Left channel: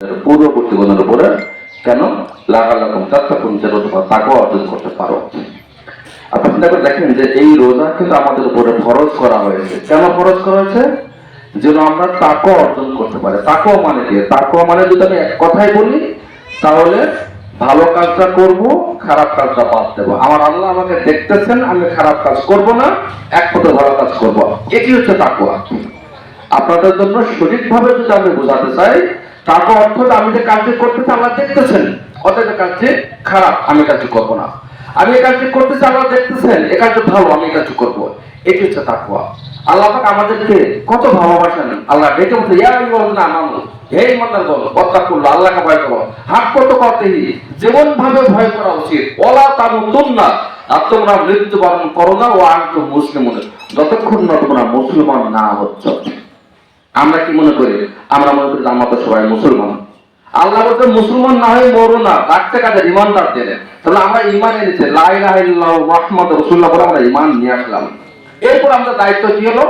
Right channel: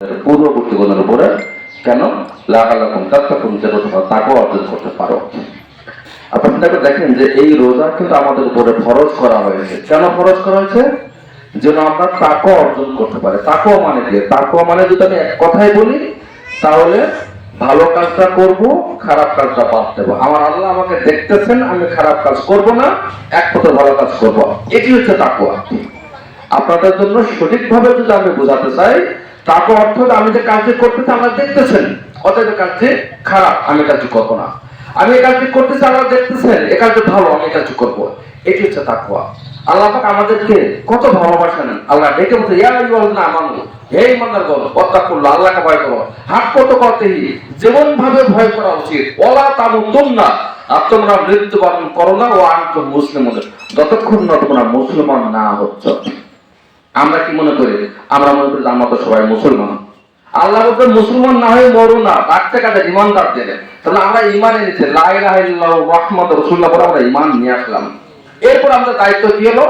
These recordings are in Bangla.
পূর্ববর্তী গুণের উপরে কেন লাগালাম তাত্তাকুম যেন তোমরা তাকওয়া অর্জন করতে পারো। আপনারা দেখেন যে এই রোজা কিন্তু আমাদের উপরে ফরজ করা হয়েছে। কেন ফরজ করা হয়েছে? যেন আমরা তাকওয়া অর্জন করতে পারি। তাকওয়া মানে কি? তাকওয়া মানে যদি আমি এক কথাই বলি তাহলে ভালো কাজটা করব, খারাপ কাজটা বাদ দেবো। আমার আল্লাহ আমাকে দেখতেছেন, আমি খারাপ কাজ করব না, এক পথে ভালো কাজ করব। এটি হচ্ছে তাকওয়া। আপনাদের জন্য সঠিকভাবে যদি আমি বোঝাতে চাই, তাকওয়া অর্থ আমি যে কাজটি করতেছি আল্লাহ দেখতেছেন, অতএব কাজটি খারাপ আমি কাজটি করব না। আমি এই কাজটি করতেছি আল্লাহ দেখতেছেন, এই কাজটি ভালো আমি এই কাজটি করব। এটি হচ্ছে তাকওয়া। আল্লাহ পাক আমাদেরকে কত ভালোবাসেন। আল্লাহ ডেকে বলতে ইয়া আইয়ুহাল্লাযীনা আমানু, হে ঈমানদারগণ, ওয়াত্তাকুল্লাহ, আল্লাহকে ভয় করো। হাত করতে করতেই যেমন ভাবে ভয় করা উচিত, ওয়ালা তামুতুন্না, আর তোমরা মৃত্যুবরণ করো না ও আনতুম মুসলিমুন, যতক্ষণ না তোমরা মুসলমান না হচ্ছ। আমরা কি মনে করি? আমরা মনে করি আমরা তো সবাই মুসলমান। আল্লাহ বলতে মুসলমান না হয়ে মরো না, রাখতে কাজে ইমানদার দিলেন। তাহলে আমরা ইমান এনেছি, লা ইলাহা ইল্লাল্লাহু মুহাম্মাদুর রাসূলুল্লাহ বলে আমরা ইমান নিয়ে আসলাম। এরপর আমাদের দায়িত্ব কি হলো?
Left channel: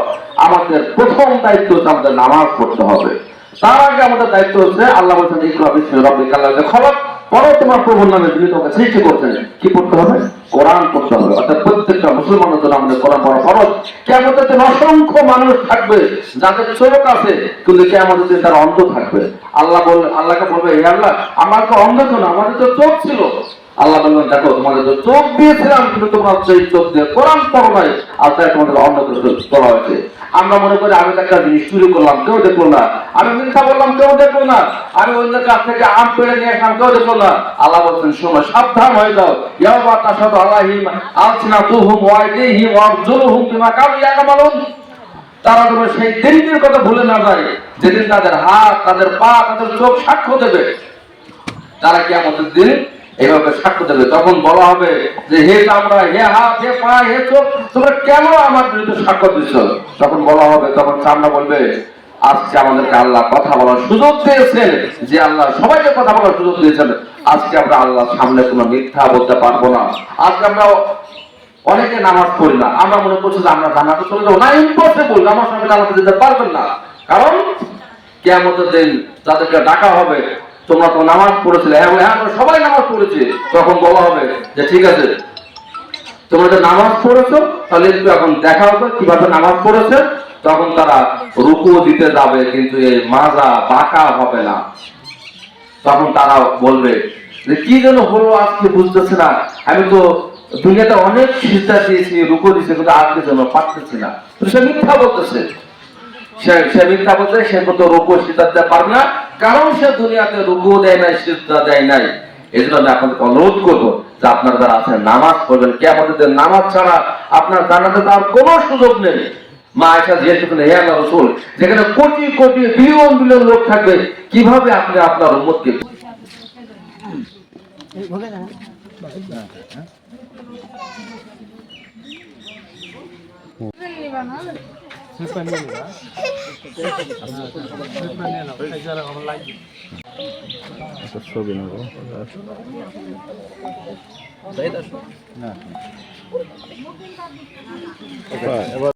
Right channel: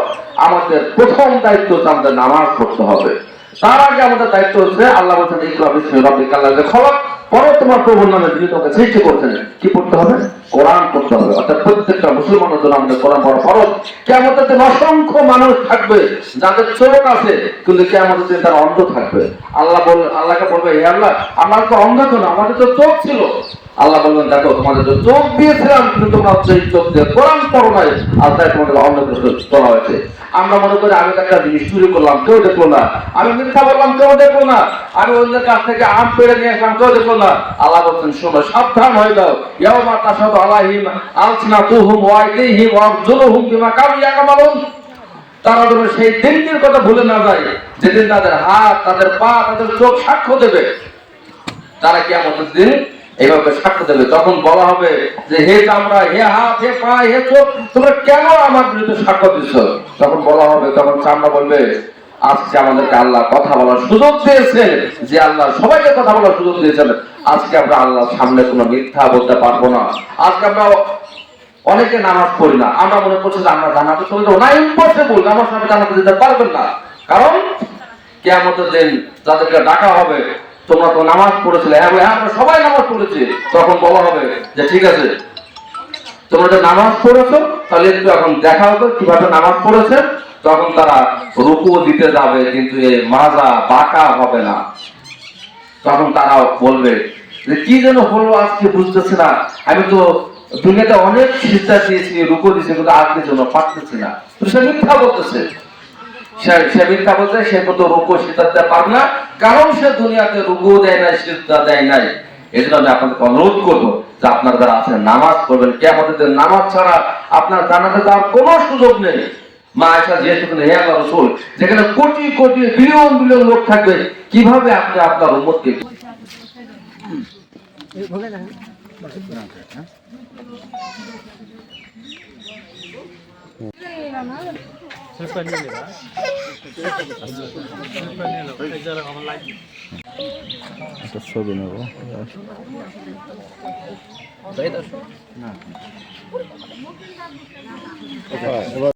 আমাদের প্রথম দায়িত্ব হচ্ছে আমাদের নামাজ পড়তে হবে। তার আগে আমাদের দায়িত্ব হচ্ছে আল্লাহ বলছেন ইকরা বিসমি রাব্বিকাল লাযী খালাক, পরে তোমার প্রভুর নামে যিনি তোমাকে সৃষ্টি করছেন। কি পড়তে হবে? কোরআন পড়তে হবে। অর্থাৎ প্রত্যেকটা মুসলমানের জন্য আমাদের কোরআন পড়া ফরজ। কিয়ামতের দিন অসংখ্য মানুষ থাকবে যাদের চোখ আছে কিন্তু কিয়ামতের দিন তারা অন্ধ থাকবে। আল্লাহকে বলবে, হে আল্লাহ, আমরা তো অন্ধ কেন? আমাদের তো চোখ ছিল। আল্লাহ বলবেন, দেখো তোমাদের তো চোখ দিয়েছিলাম কিন্তু তোমরা সেই চোখ দিয়ে কোরআন পড়ো নাই, আর তাই তোমাদের অন্ধগ্রস্ত করা হয়েছে। আমরা মনে করি আমি একটা জিনিস চুরি করলাম, কেউ দেখলো না। আমি মিথ্যা বললাম, কেউ দেখলো না। আমি অন্যের কাছ থেকে আম পেড়ে নিয়ে আসলাম, কেউ দেখলো না। আল্লাহ বলছেন, শোনো, সাবধান হয়ে যাও। ইয়াওমা তাশহাদু আলাইহিম আলসিনাতুহুম ওয়া আইদিহিম ওয়া আরজুলুহুম বিমা কানু ইয়ামালুন। তারা যেন সেই দিনটির কথা ভুলে না যায় যেদিন তাদের হাত, তাদের পা, তাদের চোখ সাক্ষ্য দেবে। তারা কিয়ামতের দিন এইভাবে সাক্ষ্য দেবে। তখন বলা হবে যে, হে চামড়া, হে হাত, হে পা, হে চোখ, তোমরা কেন আমার বিরুদ্ধে সাক্ষ্য দিচ্ছ? তখন বলা হবে, তখন চামড়া বলবে, আজকে আমাদেরকে আল্লাহ কথা বলার সুযোগ দিয়েছেন, যে আল্লাহ সবাইকে কথা বলার সুযোগ দিয়েছেন। আজকে আমরা আল্লাহর সামনে কোনো মিথ্যা বলতে পারবো না। আজকে আমরা অনেকে নামাজ পড়ি না, আমরা মনে করছি যে আমরা জানাতে চলে যাবো না। ইম্পসিবল, আমার সামনে জানাতে যেতে পারবেন না। কারণ কিয়ামতের দিন তাদেরকে ডাকা হবে, তোমরা তো নামাজ পড়েছিলে। হ্যাঁ, আমরা সবাই নামাজ পড়েছি। তখন বলা হবে যে, ঠিক আছে, তোমরা যে নামাজ পড়েছো, তাহলে একটু এখন দেখা হবে কিভাবে নামাজ পড়েছে। তখন তারা রুকু দিতে যাবে, কিন্তু এই মাজা বাঁকা হবে না। তখন তারা বলবে যে, কি যেন হলো আজকে বুঝতেছে না, আমি তো দুনিয়াতে অনেক সিজদা দিয়েছি, রুকু দিয়েছি, কিন্তু আজকে যেন পারতেছি না। সে মিথ্যা বলতেছে। সে মিথ্যা বলতে, সে কত রুকু সিজদা দিতে পারবে না, কারণ সে দুনিয়াতে রুকু দেয় নাই, সিজদা দেয় নাই। এই জন্য আমি আপনাদেরকে অনুরোধ করবো যে আপনারা যারা আছেন নামাজ পড়বেন। কিয়ামতের নামাজ ছাড়া আপনার জান্নাতে যাওয়ার কোনো সুযোগ নেই। মা আয়েশা জিজ্ঞেস করলেন, হে আল্লাহর রাসূল, যেখানে কোটি কোটি বিলিয়ন বিলিয়ন লোক থাকবে, কিভাবে আপনি আপনার উম্মতকে একটা ছবি নেব না।